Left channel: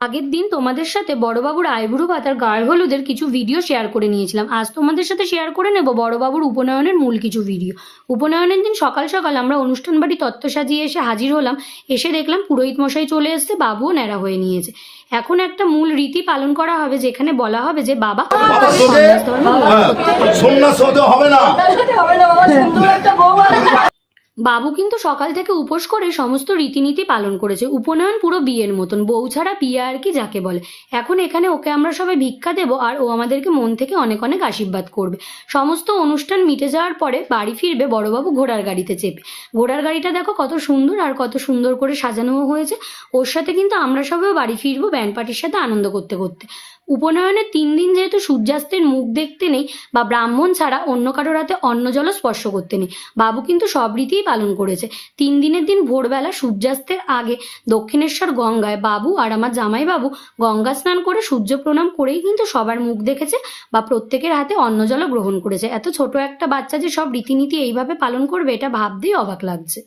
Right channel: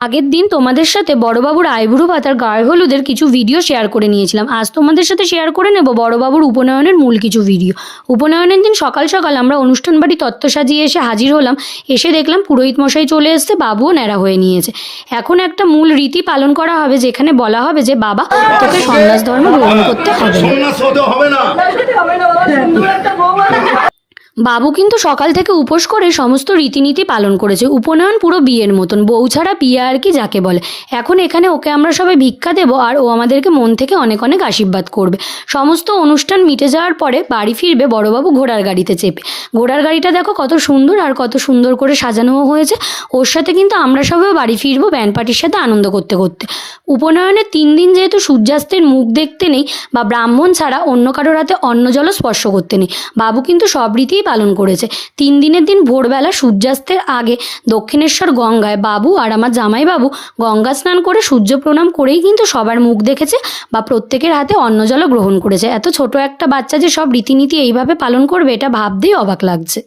আগের দিন তোমাদের সাথে বড়বাবুর আইবুড়ো ভাতার গায়ে হলুদের কিছু ভিডিও শেয়ার করে নিয়েছিলাম। আজ তোমাদের সাথে শেয়ার করে নেব বড়বাবুর উপনয়নের মূল কিছু ভিডিও। উপনয়নের দিন সকাল সকাল আমরা অনুষ্ঠান বাড়ি তত্ত্ব সাজিয়ে এসে হাজির হলাম। এসে দেখলাম পুরোহিত মশাই চলে এসছে, বাবুও ন্যাড়া হয়ে নিয়েছে। এখন একটা মূল রীতি পালন করা হবে, যেখানে বলা হবে যে বাবা তোকে সন্ন্যাস ধর্ম গ্রহণ করতে হবে না। বাবু কিন্তু সকাল থেকে উপোস করে সমস্ত রীতিনীতি পালন করেছে। উপনয়ন পুরো বিয়ের মতন, বউ ছাড়া বিয়ে আর কি যাকে বলে। এখন এখানে ওকে আমরা সবাই ভিক্ষা দেবো আর ও আমাদেরকে মন থেকে অনেক অনেক আশীর্বাদ করবে। সমস্ত অনুষ্ঠান মিটে যাওয়ার পরে বাড়ি ফিরবে বড়বাবু ঘোড়ার গাড়িতে চেপে। ঘোড়ার গাড়িটা দেখো কত সুন্দর আর কত সুন্দর করে সাজানোও হয়েছে। ওর সাথে কিন্তু আমরা সবাই বাড়ি ফিরবো ব্যান্ড পার্টির সাথে আনন্দ করতে করতে। উপনয়নের 3 দিন যেহেতু সূর্যাস্তের মুখ দেখতে নেই বা ব্রাহ্মণ ছাড়া অন্য কারোর হাতে অন্ন জল স্পর্শ করতে নেই, বাবু কিন্তু সব রীতিই পালন করেছে। 3 দিনের দিন ভোরবেলা সূর্যাস্তের আগে দক্ষিণেশ্বর গঙ্গায় বাবু আর আমার জামাইবাবু গঙ্গা স্নান করে সূর্য প্রণাম করেই কিন্তু সবার মুখ দেখেছে বা প্রত্যেকের হাতে অন্ন জল গ্রহণ করেছে। এত ছোট একটা বাচ্চা যে সব রীতিনীতি এইভাবে পালন করবে, এটা ভাবতেই অবাক লাগছে।